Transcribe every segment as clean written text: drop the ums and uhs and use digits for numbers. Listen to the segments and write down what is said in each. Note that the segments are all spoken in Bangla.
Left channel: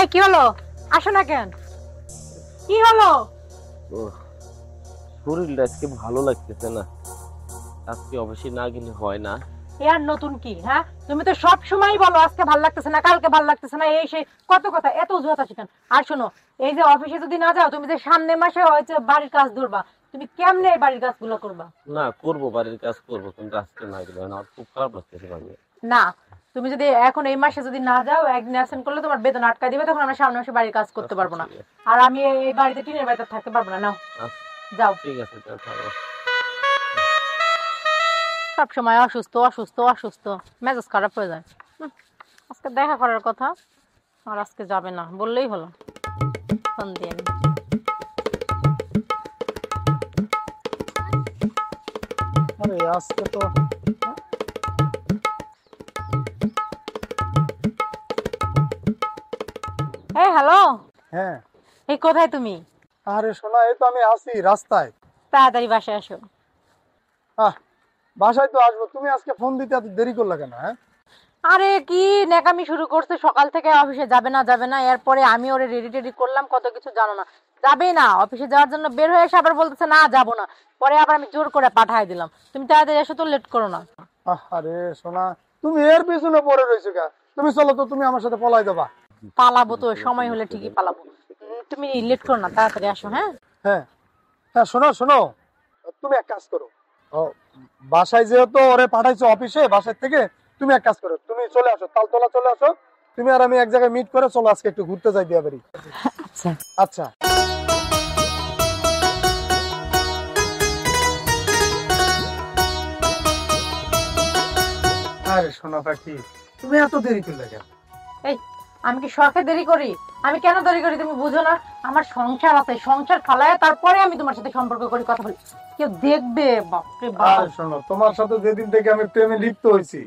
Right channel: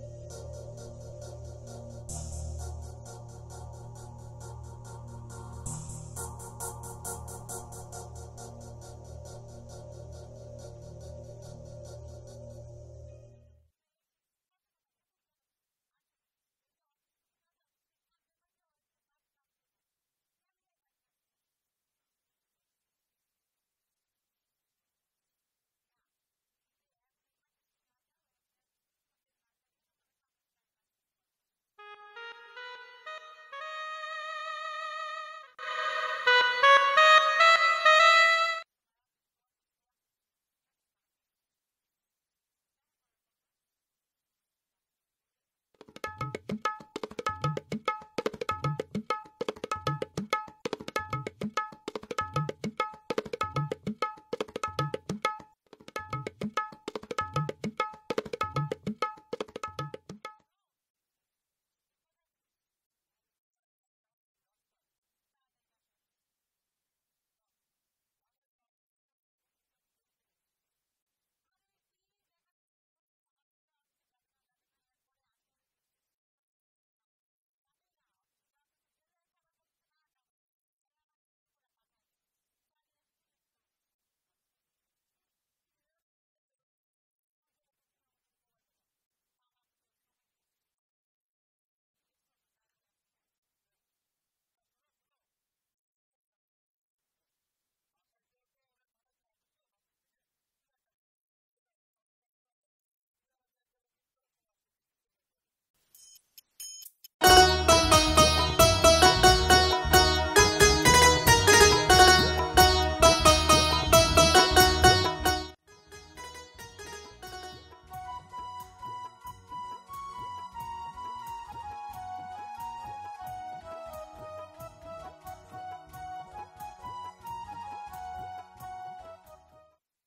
এই কি হলো? আসো না কেন? কি হলো? শরীরটা আজকে ভালো লাগতেছে না। আজকে অবশ্যই না গেলে হয় না। এর নতুন কি? হ্যাঁ, তুমি তো সব সময় বলো আজকে ভালো লাগতেছে না, কালকে ভালো লাগতেছে না, এই সেই কত কথা, এত অজুহাত আছে কেন? আর শোনো, এই যে অফিসে যদি না যাও, তুমি যে সামনে মাসে হয়তো বাড়ির কাজ ধরবা, তুমি কেমনে এই বাড়ির কাজগুলো করবা? না করবো, বাড়ির কাজ করবো, কিন্তু আজকে না গেলে হয় না। আমার খুব খারাপ লাগতেছে ভাবি। না, তুমি যদি এখন এই মাসে যদি না যাও, একদিন অ্যাবসেন্ট করলে তোমার বেতন আটকায় দিবে, তখন আমরা সামনে মাসে বাড়ির কাজ করতে আচ্ছা পারবো না। ঠিক আছে। আর আমি এই বাড়িতে টিনের বাড়িতে থাকতে পারবো না। নাও, আচ্ছা, যাও। ঠিক আছে তাহলে। সব সময় অসুস্থ অসুস্থ অসুস্থ, মেজাজ খারাপ হয়ে যায়। আজকে দেখা করার কথা, আর আজকে যাবে না বললেই হলো। ফোন দিয়ে নি। আরে আজকে তো এই হ্যালো, হ্যাঁ। এই কোথায় তুমি? আরে শোনা, এই তো আমি আছি রাস্তায়। তাড়াতাড়ি বাসায় আসো। আহ, বাসায় তো আসবো। তুমি আজকে ফোন দিতে এত দেরি করলে কেন? হ্যাঁ, আরে কি নেকামি শুরু করছে, সকাল থেকে অফিসে যাবে না যাবে না, এরপরে আমি ওরে রেডি টেডি করলাম, কত কিছু জানো না। যাবেই না, অফিসে যাওয়ার জন্য বের হয়ে এসে আবার বলতেছে না যাবো না। পরে আবার আমি জোর করে পাঠাই দিলাম। তুমি তাড়াতাড়ি এসো তো, লেট করো না। আরে শোনা, তুমি এর পিছনে পড়ে রয়েছো কে? তুমি চলো তো, তুমি আমার সাথে পলাই দেবা। পালাবো তো, সময় হলে ঠিকই পালাবো। তুমি লেট করো না, তাড়াতাড়ি আসো। হ্যাঁ হ্যাঁ হ্যাঁ, শোনো শোনো, তুমি এক কাজ করো। ও, বাসায় যেহেতু ওরে পাঠাইছো অফিসে, বাসায় থেকে তুমি এক কাজ করো, তুমি চলে আসো, তালতলা চলে আসো। তুমি আর আমি এক জায়গায় মিট করে চলো আজকে একটু ঘুরতে যাই বিয়া বাড়ি। আচ্ছা। আচ্ছা। আরে শোনা পাখি, তুমি এত দেরি করলে কেন? এই, আমি কি শখে দেরি করি? আমি কেন দেরি করি তুমি বুঝো না? আমার সংসার আছে, সংসার ফালায় তারপরে আমি তোমার সাথে সম্পর্ক করি, কথা বলি। কেউ দেখবে? বাপরে বাপ। আর শোনো, তোমার সাথে যেদিন থেকে আমি প্রেমে লিপ্ত হয়েছি,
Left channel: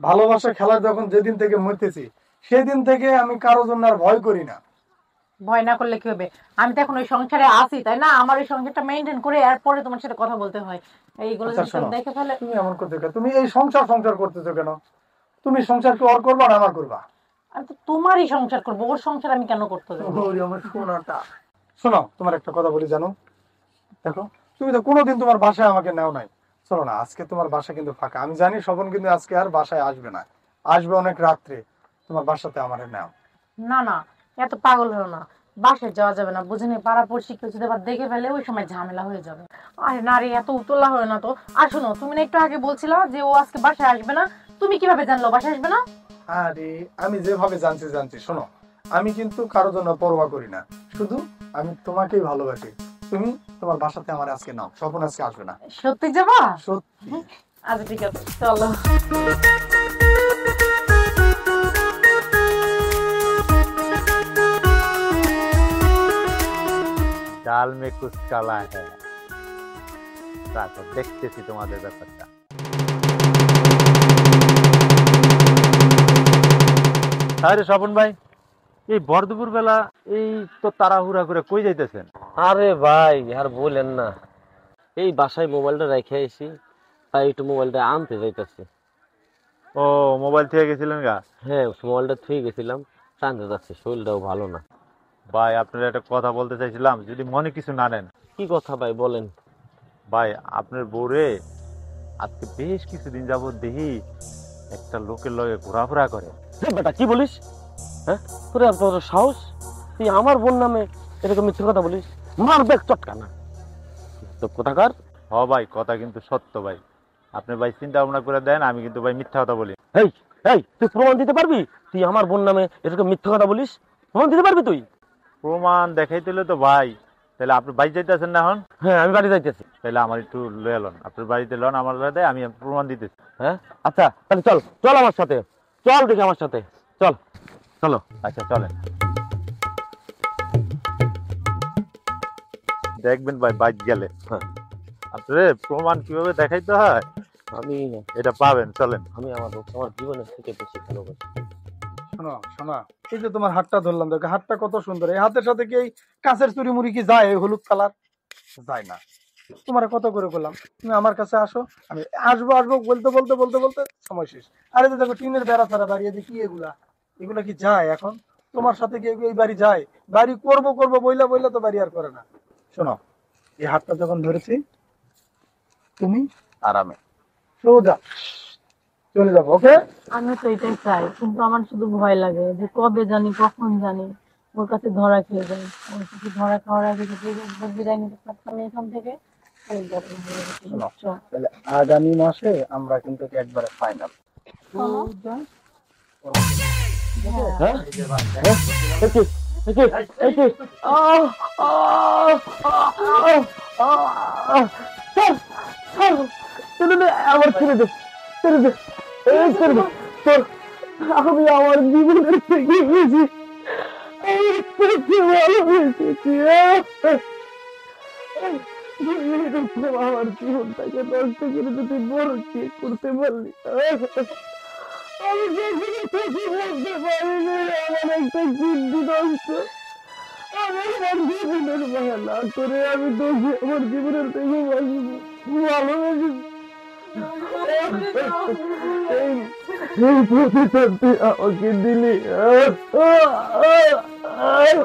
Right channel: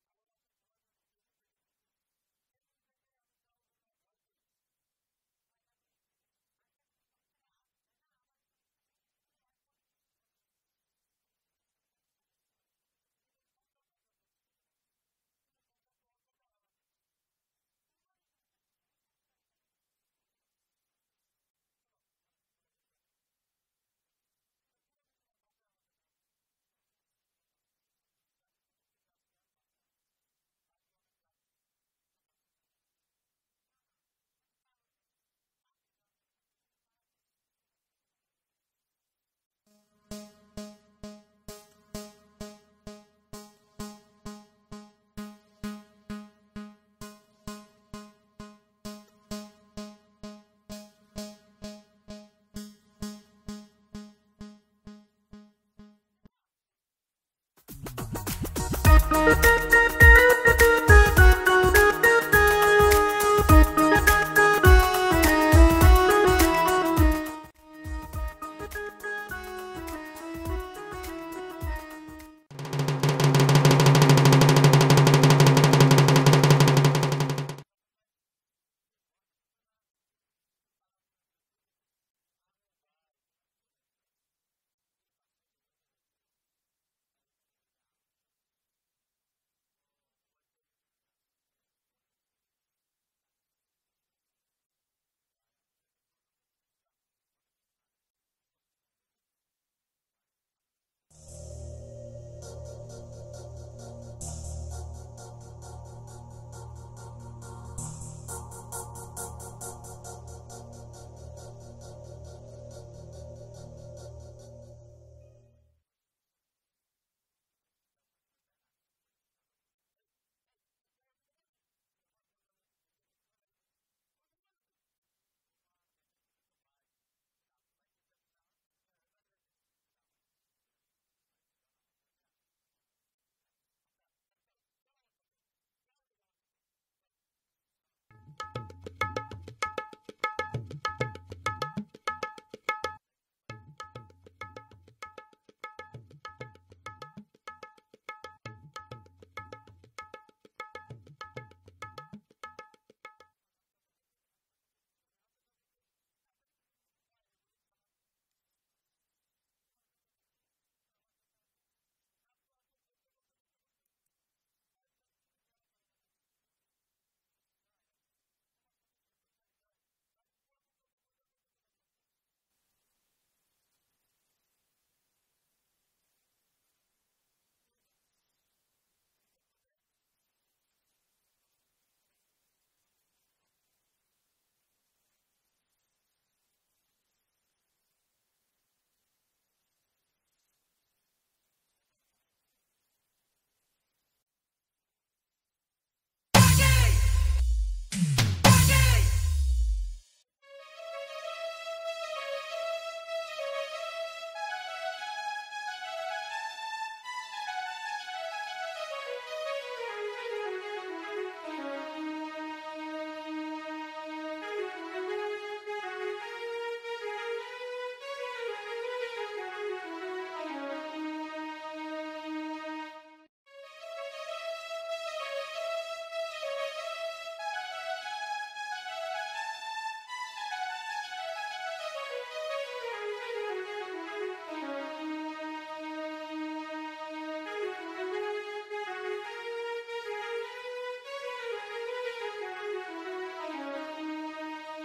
ভালোবাসা খেলা যখন যেদিন থেকে মরতেছি, সেদিন থেকে আমি কারোর জন্য আর ভয় করি না। ভয় না করলে কি হবে? আমি তো এখন ওই সংসারে আছি, তাই না? আমার ওই সংসারটা মেনটেন করে এরপরে তোমার সাথে কথা বলতে হয়। এইগুলো আচ্ছা যদি কেউ শোনো, দেখে ফেলে। তুমি এমন করতে কেন? তুমি এই সংসার সংসার করতেছো কেন? তুমি সংসার কি ওর করবা না আমার করবা? আমি তো তোমারই সংসার করবো, ওর সংসার আমি কেন করতে যাবো? ওরে আমার সোনাটা। শোনো, তোমার একটা কথা বলি জানো, দেখো, তুমি তো কোনোদিন তোমার বাসায় আমাকে নেও নাই। চলো না, আজকে তোমার বাসা কিন্তু ফাঁকা। আমি জানি স্বপন কিন্তু আজকে আর বাসায় আসবে না, আসবে অনেক রাত্রে। তোমার বাসাতে আমারে নাও। না না, এত পাগল হলো না। বাসায় যাওয়া যাবে না, বুঝিনি, পাড়া পড়শি কেউ যদি আবার দেখে ফেলে, ওই সময় ঝামেলা হয়ে যাবে। আরে না রে, এত উতলা হয় না তো। আর শোনো, তুমি না একটু আগে বলছিলা যে ও আজকে বাসায় আসবে না? তুমি কিভাবে জানলো বাসায় আসবে না? আরে আমি যেভাবে জানছি জানছি, শোনো, আমি কিন্তু কারোর জন্য পরোয়া করি না, শুধু আমি তোমাকেই ভালোবাসি। তুমি তোমার বাসাতে আমার আজকে নাও, স্বপন আজকে আসবে না। সত্যি যাবা? সত্যি। আচ্ছা ঠিক আছে, চলো। ডাল মে কুছ কালা হ্যায়। দেখতেছি তোমাদের ব্যাপারটা। আরে স্বপন ভাই, এই বরদুপুর বেলা এই তো তাড়াহুড়া করে কই যাইতেছেন? আরে ভাই আর বলেন না, এই বাসায় মোবাইলটা রেখে এসি, তাই একটু মোবাইলটা আনতে যাইতেছি। ও, মোবাইল থেকে গেছিলেন গা? হ্যাঁ, মোবাইলটা থুয়ে গেছিলাম, টানতে যাচ্ছি, শরীরটাও ভালো না। ভাই আপনার একটা কথা বলতে চাইছিলাম, যদি মনে কিছু না নেন। কি কথা ভাই বলেন? ভাই আপনার বউরে আজকে বেশ কিছুদিন যাবত দেখি একটা লোকের লগে ঘোরাফেরা করে। বেটা কি বলিস? হ্যাঁ, তোর এত বড় সাহস, তুই আমার বোন নামে এরকম মিথ্যে কথা বলিস? মার ব্যাগ চটকা না তো কোথাকার। হ ভাই, কথা কিন্তু সত্য ভাই। আপনি ভাই চিন্তা ভাবনা করে দেন, আমি কিন্তু ভাই মিথ্যা কথা বলি। এই এই, তুই প্রমাণ দিতে পারবি তুই আমার বোন নামে এরকম মিথ্যে কথা বলিস? প্রমাণ দিতে পারবি তুই? প্রমাণ দেখাইতে হলে তো ভাই, তাহলে আপনি বাড়ি যাইতেছেন না এখন? হ্যাঁ, আমি বাড়ি যাইতেছি। তাহলে আমার একটু লয়ে লন, আপনার বাড়িতে লন, আমার বাড়িতে আমি প্রমাণ দিতেছি। হ্যাঁ আচ্ছা, তাহলে চল চল আমার সাথে, চল দেখি আমার সাথে, চল। চলো। আচ্ছা চলেন, দেখবেন ভাই বাইক গেলে হ্যাঁ, আপনার প্রমাণ কিভাবে দেখাইতে হয় আমি এটা পাবেন। চলেন। আমি আমার জীবনের থেকে বেশি ভালোবাসি। শোনো শোনো, এই যে তোমার হাতটা ধরলাম, দেখো হাতটা কত সুন্দর। এই হাতের সাথে কি এই কাঁচের চুরি মুড়ি কি যায়? এই হলুদ কালার যায় না। তোমার কত করে করলাম, তুমি আমার কাছে আসো, আমি আসবো আসবো বলতে বলতে বলতে বলতে সময় শেষ। আরে তো দেখো টিনের বেড়া ছাড়া বাড়িয়ে কি এগুলা, এগুলা কি যায় এখন? তোমার সাথে কেউ কেউ এই বাড়ি যায়? বাড়ি করব করব বইলা বইলা তো বাড়ি আর করে না। শোনো, এই হাতটা যখন ধরেছি তুমি আরামে। সোজা চলে যাবো, ওকে? আমি তো এটাই চাই, কিন্তু আমার শুধু ভয় লাগে যে কবে জানি কখন জানি ওর কাছে ধরা খেয়ে যায়। ওর কাছে ধরা খাওয়ার আগে যদি একবার বিদায় নিতে পারতাম এখান থেকে, তাহলে ব্যাপার হয়ে যেত, শোনো, বুঝছো? তাহলে আগামী মাসে আমরা কিন্তু একবারে ফাইনাল। শোনো, হ্যাঁ একে একে একে আহ আহ আহ আহ ছাড়, ছাড়, ছেড়ে দে, আমার ছেড়ে দে, ছেড়ে দে, এই ছেড়ে দে। তোর আমি আমার জীবনের থেকে বেশি আমি তোকে ভালোবেসেছি। আমার জীবনটাকে নষ্ট করে তুই বড় কি করতে পারলি? আমি কখনো তোকে বলতে পারিনি আমার একটা কিডনি নষ্ট। আমার জীবনের মায়া না করে আমি তোকে আমার জীবনের থেকে ভালোবেসেছি। এই প্রতিশোধ তুই আমাকে দিলি। আমি